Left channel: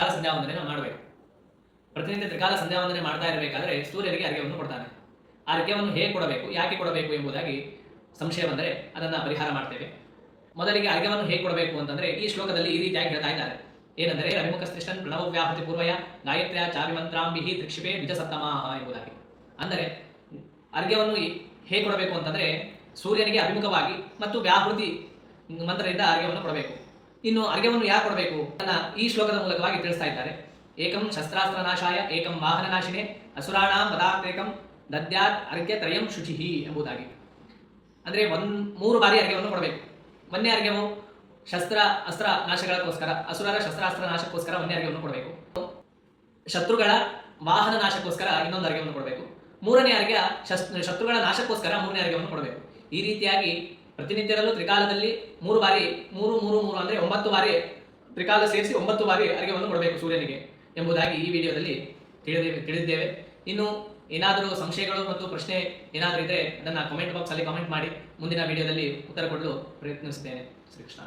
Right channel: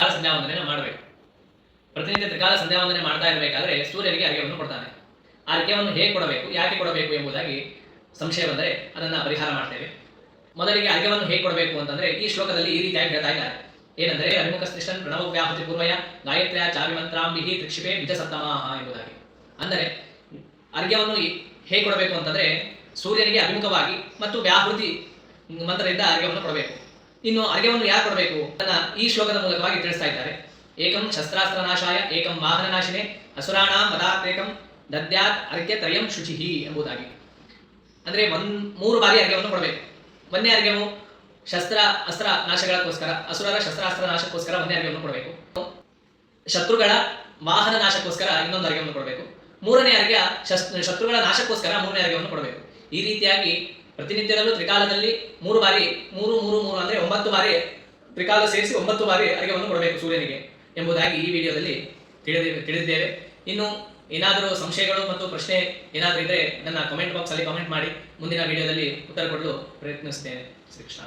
ಸಂಧ್ಯಾವಂದನೆ ಮಾಡಬೇಕು. ಪ್ರತಿನಿತ್ಯ ತ್ರಿಕಾಲ ಸಂಧ್ಯಾವಂದನೆ ಮಾಡ್ತಾ ಇರಬೇಕಾದ್ರೆ ಸೂರ್ಯನಿಗೆ ಅರ್ಘ್ಯವನ್ನು ಕೊಡ್ತಾನೆ. ಆ ಅರ್ಘ್ಯವನ್ನು ಹೇಗೆ ಕೊಡಬೇಕು, ಯಾಕೆ ಕೊಡಬೇಕು ಎಂಬುದಾಗಿ ಸಂಶಯ ಬಂದರೆ ಅದನ್ನು ಪರಿಹಾರ ಮಾಡ್ತೇವೆ. ಮೊದಲಿಗೆ ಅರ್ಘ್ಯವನ್ನು ಹೇಗೆ ಕೊಡಬೇಕು ಅಂತಂದ್ರೆ ಈ ಶ್ಲೋಕದಲ್ಲಿ ಈ ರೀತಿಯಾಗಿ ಹೇಳ್ತಾ ಇದ್ದಾರೆ. ಏನಂದರೆ ಅಭಿಮುಖ ಸ್ತಿಷ್ಠನ್ ಪ್ರಣವ ವ್ಯಾಹತಿ ಪೂರ್ವಯ ಗಾಯತ್ರಿಯ ಚಾರ್ಯಮಂತ್ರಾಂಬಿಹಿ ತ್ರಿಕ್ಷಿಪೆ ಬಿಜ ಸತ್ತಮಾಹ ಎಂಬುದಾಗಿ. ಅಂದರೆ ಅರ್ಘ್ಯವನ್ನು ಹೇಗೆ ಕೊಡಬೇಕು ಅಂತಂದ್ರೆ ಸೂರ್ಯನಿಗೆ ಅಭಿಮುಖವಾಗಿ ಮತ್ತು ವ್ಯಾಹೃತಿ ಮಂತ್ರದಿಂದ ಅರ್ಘ್ಯವನ್ನು ಕೊಡಬೇಕು. ಇನ್ನು ಅರ್ಘ್ಯವನ್ನು ಯಾರು ಕೊಡಬೇಕು? ಅನ್ನ ಈ ಶ್ಲೋಕದ ಮೂಲಕವಾಗಿ ತಿಳಿಸ್ತಾ ಇದ್ದಾರೆ. ಏಕಂ ಶಸ್ತ್ರಾಸ್ತ್ರ ನಾಶಾಯ ಏಕಂ ವಾಹನ ನಾಶಿನೇ ಅಸುರಾಣ ಪದಾರ್ಥೇಕಂ ದದ್ಯಾತ್ ಅರ್ಘ್ಯ ತ್ರಯಂ ಶುಚಿಹಿ ಎಂಬುದಾಗಿ. ಅಂದ್ರೆ ಒಂದ್ ಮೂರು ಬಾರಿ ಅರ್ಘ್ಯವನ್ನು ಕೊಡಬೇಕು. ಒಂದೇ ಅರ್ಘ್ಯವು ಶಸ್ತ್ರ ಅಸ್ತ್ರ ನಾಶಗಳಕ್ಕೋಸ್ಕರ ಅಸುರರ ಶಸ್ತ್ರಾಸ್ತ್ರ ನಾಶಕ್ಕೋಸ್ಕರ ಒಂದೇ ಅರ್ಘ್ಯವನ್ನು ಕೊಡಬೇಕು. ಶತ್ರುಗಳ ವಾಹನ ನಾಶಕ್ಕೋಸ್ಕರ ಇನ್ನೊಂದು ಅರ್ಘ್ಯವನ್ನು ಕೊಡಬೇಕು. ಮೂರನೇ ಅರ್ಘ್ಯ ಶಸ್- ಶತ್ರುಗಳ ನಾಶಕ್ಕೋಸ್ಕರ ಮೂರನೇ ಅರ್ಘ್ಯವನ್ನು ಕೊಡಬೇಕು. ಈ ರೀತಿಯಾಗಿ ಪ್ರತಿನಿತ್ಯದಲ್ಲೂ ತ್ರಿಕಾಲದಲ್ಲಿ ಮೂರು ಬಾರಿ, ಮೂರು ಮೂರು ಮೂರು ಅಂದ್ರೆ ಒಂಬತ್ತು ಬಾರಿ ತ್ರಿಕಾಲ ಸೇರಿಸಿ ಒಂಬತ್ತು ಬಾರಿ ಅರ್ಘ್ಯವನ್ನು ಕೊಡಬೇಕು ಸೂರ್ಯನಿಗೆ ಎಂಬುದಾಗಿ ಈ ವಿಡಿಯೋದಲ್ಲಿ ತಿಳಿದಿ, ತಿಳಿದಿದ್ದೇವೆ. ಇನ್ನು ಏನಾದರೂ ಸಂಶಯಗಳು ಮತ್ತು ಪ್ರಶ್ನೆ ಏನಾದರೂ ಇದ್ದರೆ ನನ್ನ ಕಮೆಂಟ್ ಬಾಕ್ಸ್ ಅಲ್ಲಿ ಕಮೆಂಟ್ ಮಾಡಿ, ಮುಂದಿನ ವಿಡಿಯೋದಲ್ಲಿ ಉತ್ತರ ಕೊಡಲು ಪ್ರಯತ್ನಿಸ್ತೇನೆ ಶ್ರೀಕೃಷ್ಣ